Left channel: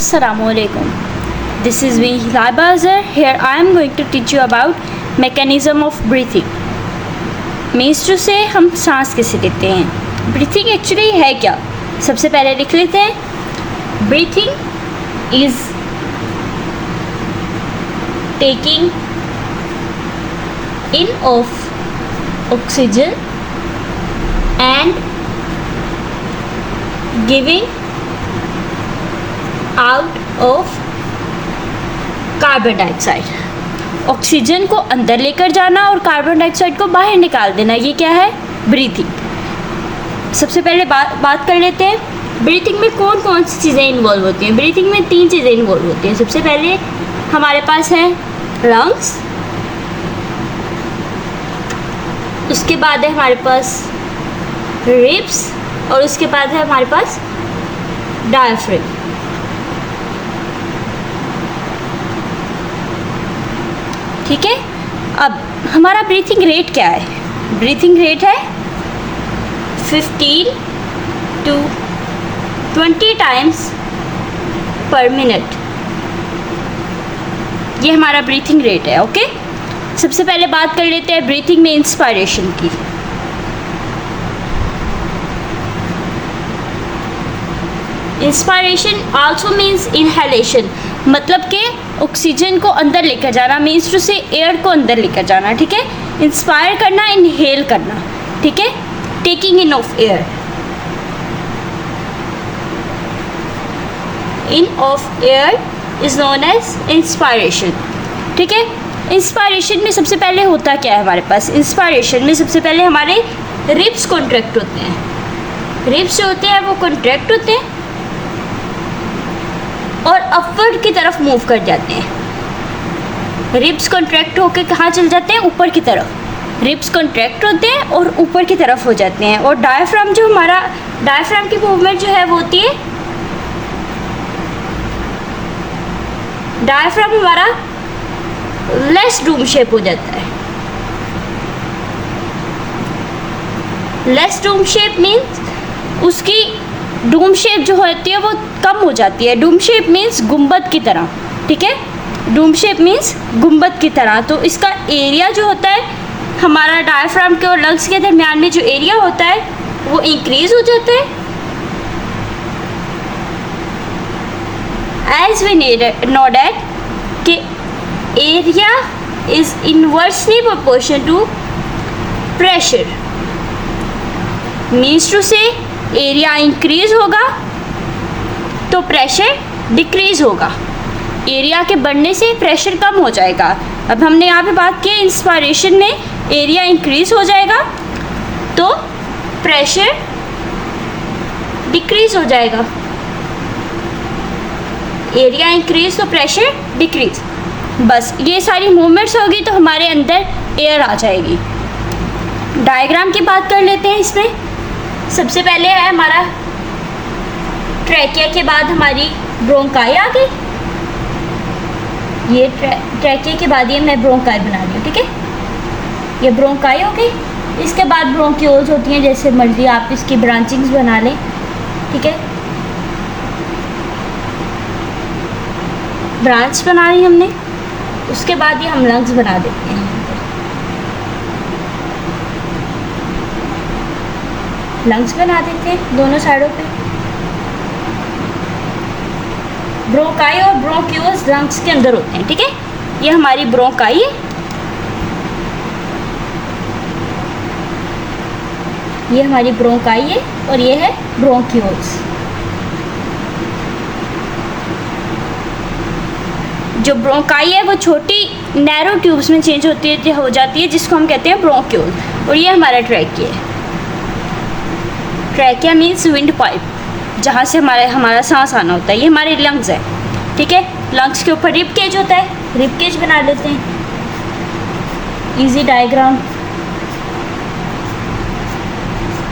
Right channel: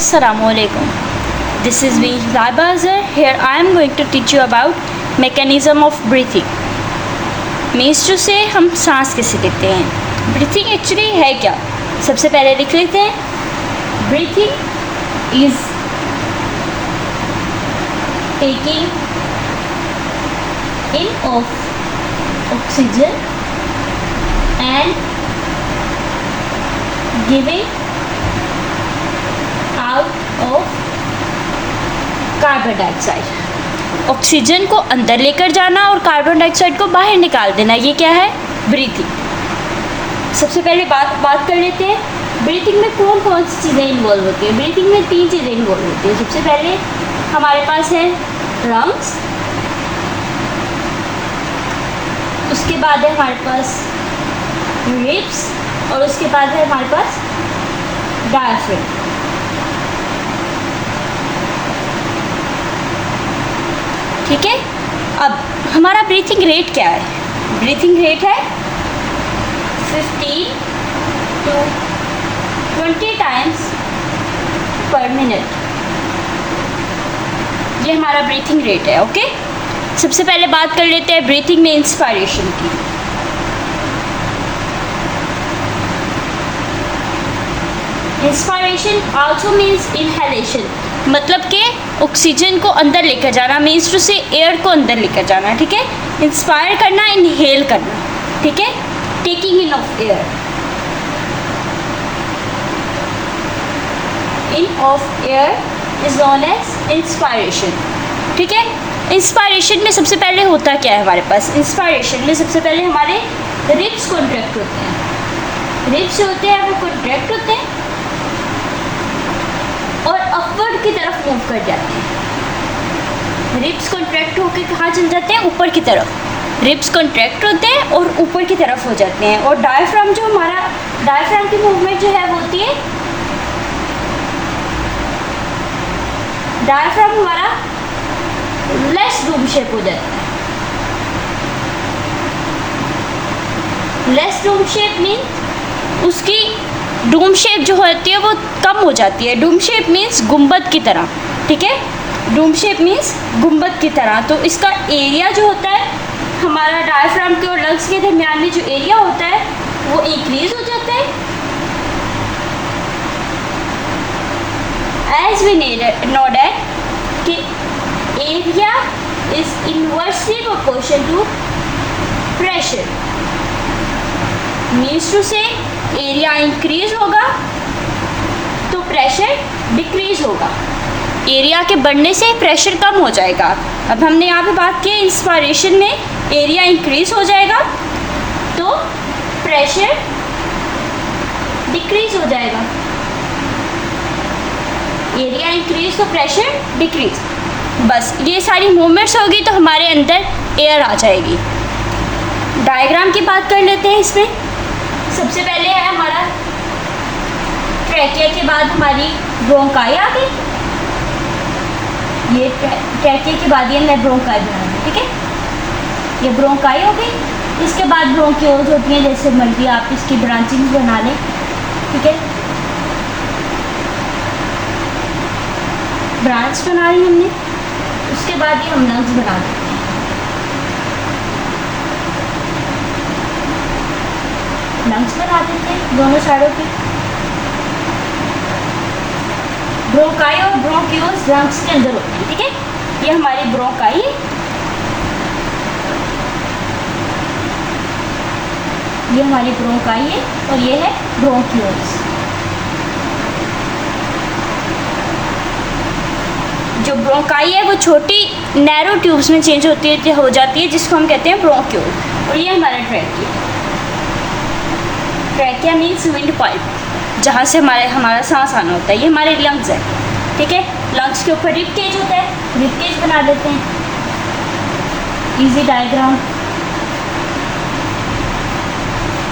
Assalamualaikum. This is me, Raiba Azhar. Here I am going to teach you about mechanism of breathing. Means to say हम सांस कैसे लेते हैं. Breathing actually है क्या, सबसे पहले लिख लेते हैं. Breathing is taking in of oxygen and giving out of carbon dioxide. Oxygen को अंदर लेकर जाना और कार्बन डाइऑक्साइड को बाहर निकाल देना, ये क्या है? ब्रीथिंग. सबसे पहले बात कर लेते हैं ब्रीथिंग में कौन कौन सी चीज़ें इन्वॉल्व होती हैं. ब्रीथिंग में 3 चीज़ें इन्वॉल्व होती हैं. सबसे पहले हमारे पास है लंग्स, उसके बाद है हमारे पास रिब्स और उसके बाद है हमारे पास डायफ्राम. ठीक है. अब हमारा ब्रीथिंग रेट क्या है? ब्रीथिंग रेट है 15 to 20 टाइम्स पर मिनट. ये हमारा ब्रीथिंग रेट है. ओके. सबसे पहले बात कर लेते हैं ब्रीथिंग में इंस्पायरेशन की. इंस्पायरेशन आल्सो मीन्स इनहेलेशन, मतलब कि ऑक्सीजन को अंदर लेकर जाना, मीन्स टू से एयर को अंदर लेकर जाना. ठीक है. इंस्पायर करना, इनहेल करना. ठीक है. Taking in of air. In of air is known as inspiration. ठीक है. इंस्पायरेशन में सबसे पहले होता क्या है हमारे पास? इंस्पायरेशन में सबसे पहले हमारे रिब्स कॉन्ट्रैक्ट होते हैं. रिब्स जो होते हैं वो कॉन्ट्रैक्ट होते हैं और अपवर्ड की तरफ मूव कर जाते हैं. रिब्स कॉन्ट्रैक्ट होकर कहाँ चल जाते हैं? ऊपर की तरफ. रिब्स कॉन्ट्रैक्ट होते हैं और ऊपर की तरफ हो जाते हैं. और डायफ्राम जो हमारा डायफ्राम की मूवमेंट जो है वो होती है, डायफ्राम हमारा लेस डूम शेप हो जाता है. लेस डूम शेप मीन्स उसकी डूम शेप जो होती है वो कम हो जाती है. डूम शेप मीन्स गुंबद की तरह. ठीक है. डूम शेप मीन्स गुंबद की तरह. तो इसका एरिया जो होता है हमारा डायफ्राम के और लंग्स के दरमियान में जो एरिया होता है वो इंक्रीज हो जाता है. एज वी नो डैट कि area is inversely proportional to pressure. Means to say area increase होगा तो प्रेशर डिक्रीज होगा. एरिया के बढ़ने से प्रेशर कम हो जाएगा. अब हमने यहाँ पे बात की इंस्पायरेशन में एरिया इंक्रीज हो जाएगा तो प्रेशर डिक्रीज हो जाएगा. एरिया इंक्रीज तो प्रेशर डिक्रीज. बस ये सारी मूवमेंट्स होगी तो हमारे अंदर एयर आ जाएगी. डायग्राम की बात कर लेते हैं. इसमें सबसे पहले है हमारा ट्रैकिया, के बाद हमारी ब्रोंकाई आ गई. ये ट्रैकिया के बाद ये मैं ब्रोंकाई बना दी. ठीक है. ये ब्रोंकाई हो गई. इसके बाद ब्रोंक्यूल्स होती हैं, जैसे मर्जी आप इसकी ब्रांचिंग्स बना लें. ठीक है. ब्रांच बना ली हमने. उसके बाद ये हम लंग्स बना देते हैं. लंग्स बना देते हैं दोनों साइडों पे. ब्रोंकाई और ब्रोंक्यूल्स लंग्स के अंदर होते हैं. ठीक है. ये हमारी ब्रोंकाई है, ये हमारी ब्रोंकाई है और ये है ब्रोंक्यूल्स. जो ब्रोंकाई है वो छोटी नैरो ट्यूब्स में चेंज हो जाती है जिसको हम कहते हैं ब्रोंक्यूल. और ये हमारा ट्रैकिया है. ट्रैकिया मीन्स विंड पाइप, जहाँ से हमारा सांस आना होता है. ये हमारे लंग्स है. ठीक है. लंग्स के ऊपर रिब केज होता है. रिब केज बना देते हैं. Easy diagram.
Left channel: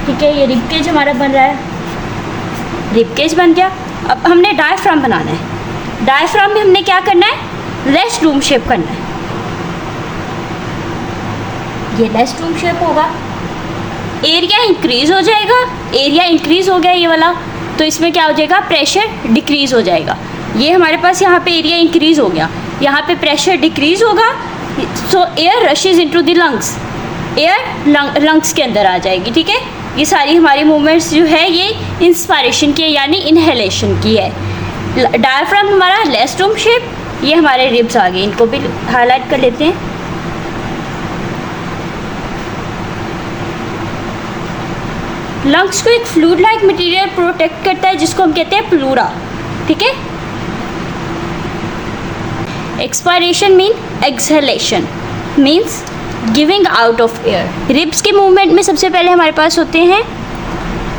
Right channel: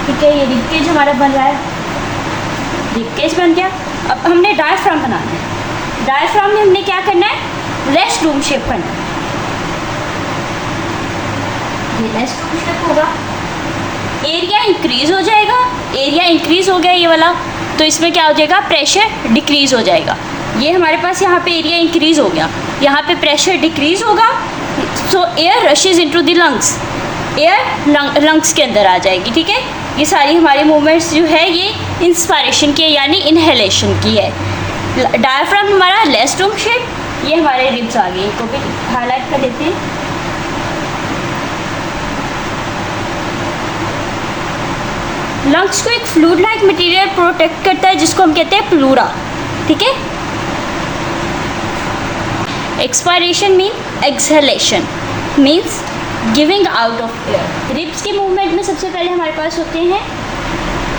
ठीक है. ये रिब केज हमारा बन रहा है. रिब केज बन गया. अब हमने डायफ्राम बनाना है. डायफ्राम में हमने क्या करना है? लेस डूम शेप करना है. ये लेस डूम शेप होगा. एरिया इंक्रीज हो जाएगा. एरिया इंक्रीज हो गया ये वाला, तो इसमें क्या हो जाएगा? प्रेशर डिक्रीज हो जाएगा. ये हमारे पास यहाँ पे एरिया इंक्रीज़ हो गया, यहाँ पे प्रेशर डिक्रीज़ होगा, सो air rushes into the lungs, air lungs के अंदर आ जाएगी। ठीक है, ये सारी हमारी मूवमेंट्स जो है ये इंस्पायरेशन की है, यानी इनहेलेशन की है। डायफ्राम हमारा लेस डोम शेप, ये हमारे रिब्स आ गए, इनको भी हाईलाइट कर लेते हैं। लंग्स को एक फ्लूइड लाइक मटेरियल प्रोटेक्ट करता है जिसको हम कहते हैं प्लूरा। ठीक है, expiration mean exhalation, means giving out of air. Ribs के मूवमेंट में सबसे पहले हमारे पास होते हैं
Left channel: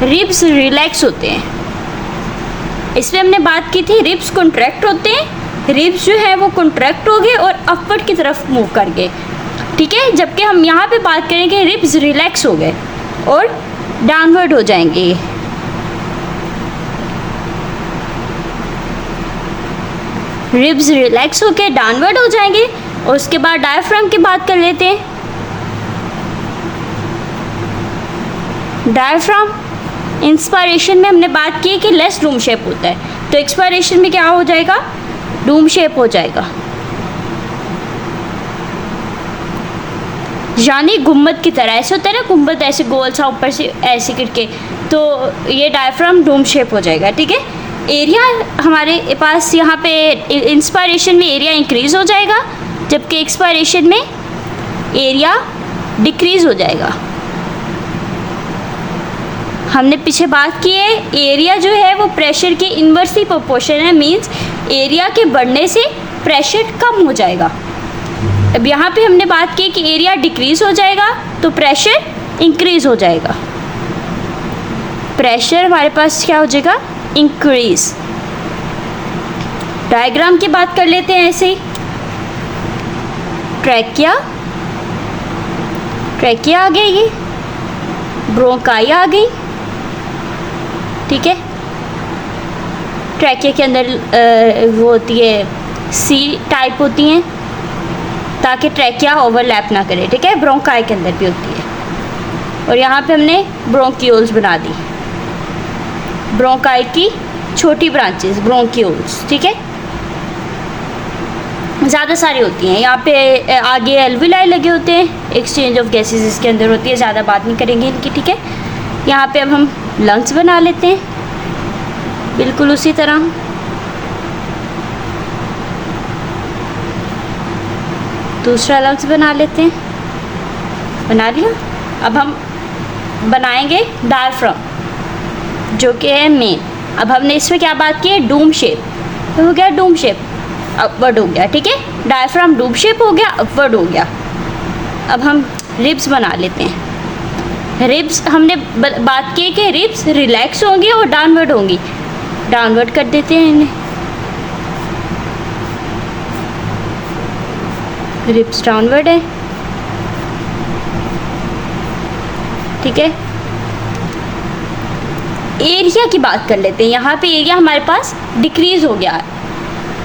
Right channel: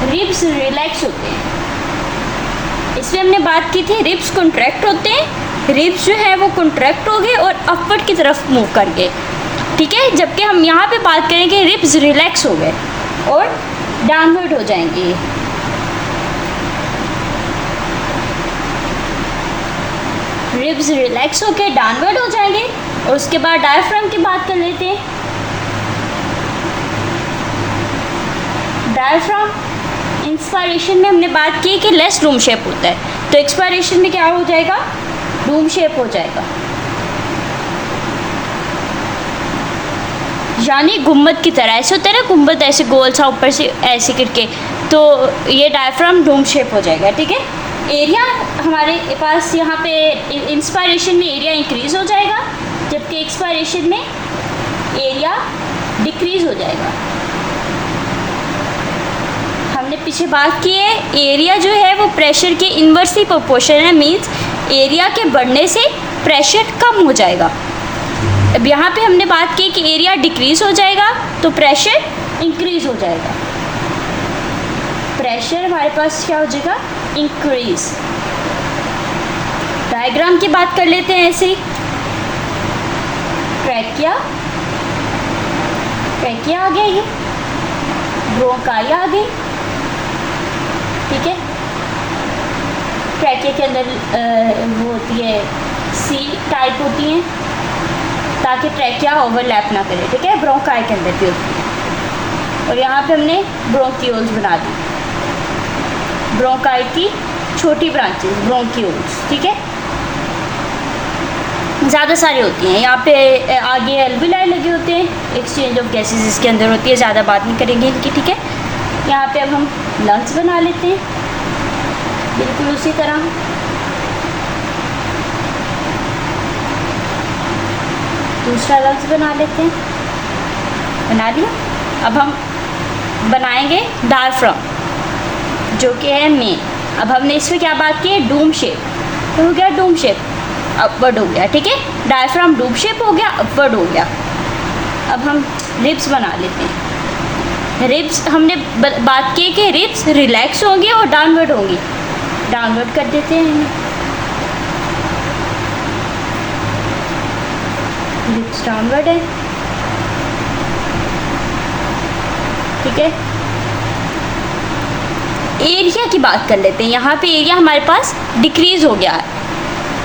रिब्स रिलैक्स होते हैं। इसमें हमने बात की थी रिब्स कॉन्ट्रैक्ट होते हैं, रिब्स जो है वो कॉन्ट्रैक्ट हो गए और अपवर्ड की तरफ मूव कर गए। ठीक है, जबकि हम यहाँ पे बात करेंगे रिब्स रिलैक्स हो गए और डाउनवर्ड हो जाएंगे। रिब्स रिलैक्स होके डाउनवर्ड हो जाएंगे और उसके बाद डायफ्राम की बात कर लेते हैं। डायफ्राम इंस्पायरेशन में हमने बात की कि लेस डूम शेप होता है, तो एक्सपायरेशन में क्या हो जाएगा, डूम शेप हो जाएगा, यानी गुम्बद की तरह। ऐसे होता है ना गुम्बद, ऐसे गोल सा ऊपर से ऐसे करके, तो ये डायफ्राम डूम शेप हो जाएगा। ठीक है, एरिया हमारे पास यहाँ पे इंस्पायरेशन में एरिया इंक्रीज़ हो जाएगा, जबकि एक्सपायरेशन में एरिया डिक्रीज़ हो जाएगा। हमने पीछे बात की है एरिया जो है वो प्रेशर के इन्वर्सली प्रोपोर्शनल है, मींस एरिया के बढ़ने से प्रेशर कम हो जाएगा। अब यहाँ पे हमने बात की कि एरिया डिक्रीज़ हो जाएगा तो प्रेशर इंक्रीज़ हो जाएगा। प्रेशर हमारे पास क्या हो जाएगा, इंक्रीज। डायग्राम की बात कर लेते हैं ऐसे ही। ट्रैकिया, ट्रैकिया आ गई, ब्रोंकाई आ गई। ठीक है, ट्रैकिया के अंदर वो होती है सी टाइप होती हैं ताकि ट्रैकिया ओवरलैप ना करे। ठीक है, ब्रोंकाई के अंदर भी होती है। और यहाँ पे हमने ब्रोंकियोल्स बना दी, ब्रोंकाई की छोटी ब्रांचेस ब्रोंकियोल्स। ठीक है, ज़्यादा सारी होती हैं। यहाँ पे आगे एल्विलाई लगे होते हैं, एक्सचेंज ऑफ गैसेस इसके अंदर होती है, ज़्यादा बात नहीं करेंगे इनकी। ठीक है, यहाँ पे अब हम लंग्स बना लेते हैं बिल्कुल उसी तरह। दूसरा लंग्स बना लेते हैं, बना लिया। अब हम बनाएंगे डायफ्राम जो कि है मेन। अब हमने इसमें क्या बात की है, डूम शेप, तो हो गया डूम शेप, अपवर्ड हो गया। ठीक है, डायफ्राम डूम शेप हो गया, अपवर्ड हो गया। अब हम रिब्स बना लेते हैं। रिब्स हमने बात की कि रिब्स रिलैक्स होंगी और डाउनवर्ड होंगी, डाउनवर्ड कर देते हैं इन्हें। रिब्स डाउनवर्ड है। ठीक है, एरिया की बात कर लेते हैं। यहाँ पे एरिया हमारे पास डिक्रीज़ हो गया है,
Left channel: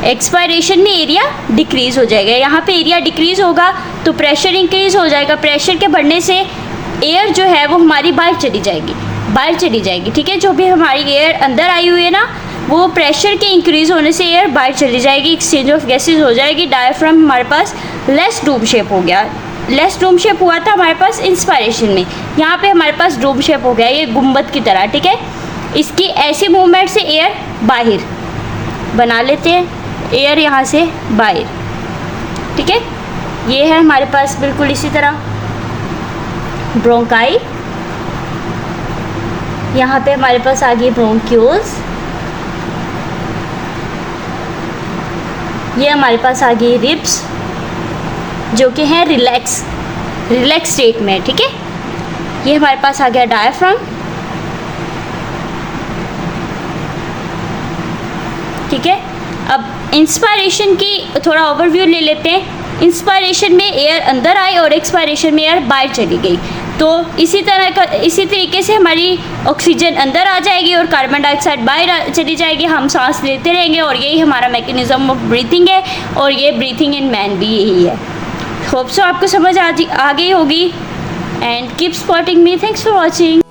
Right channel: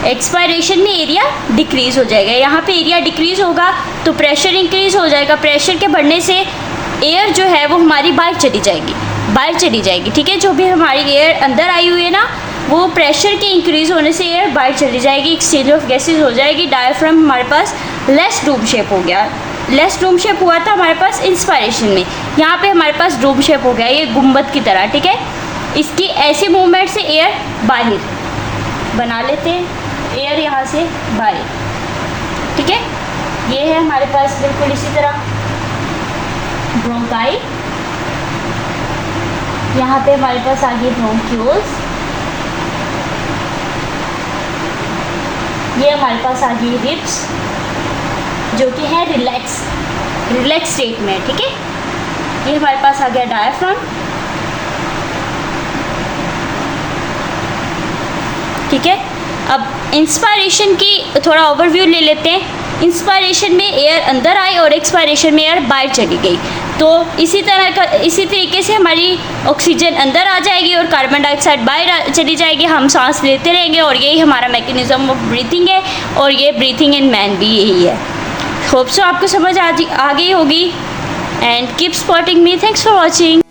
एक्सपायरेशन में एरिया डिक्रीज़ हो जाएगा। यहाँ पे एरिया डिक्रीज़ होगा तो प्रेशर इंक्रीज़ हो जाएगा, प्रेशर के बढ़ने से एयर जो है वो हमारी बाहर चली जाएगी, बाहर चली जाएगी। ठीक है, जो भी हमारी एयर अंदर आई हुई है ना, वो प्रेशर के इंक्रीज़ होने से एयर बाहर चली जाएगी, एक्सचेंज ऑफ गैसेज हो जाएगी। डायफ्राम हमारे पास लेस डूम शेप हो गया। लेस डूम शेप हुआ था हमारे पास इंस्पायरेशन में, यहाँ पे हमारे पास डूम शेप हो गया, ये गुम्बद की तरह। ठीक है, इसकी ऐसे मूवमेंट से एयर बाहर बना लेते हैं, एयर यहाँ से बाहर। ठीक है, ये है हमारे पास बिल्कुल इसी तरह ब्रोंकाई। यहाँ पे हमारे पास आ गई ब्रोंक्यूल्स, ये हमारे पास आ गई रिब्स जो कि है रिलैक्स स्टेट में। ठीक है, ये हमारे पास आ गया डायफ्राम। ठीक है, अब इंस्पायरेशन की थोड़ा ओवरव्यू ले लेते हैं। इंस्पायरेशन में एयर अंदर आई और एक्सपायरेशन में एयर बाहर चली गई, तो इसी तरीके से हमारी ऑक्सीजन अंदर आ जाएगी और कार्बन डाइऑक्साइड बाहर चली जाएगी। हम सांस लेते रहेंगे और यही हमारा मैकेनिज्म ऑफ ब्रीथिंग है, और ये ब्रीथिंग इन मैन भी यही है। होप सो आपको समझ आ गई होगी। And keep supporting me. Thanks for watching.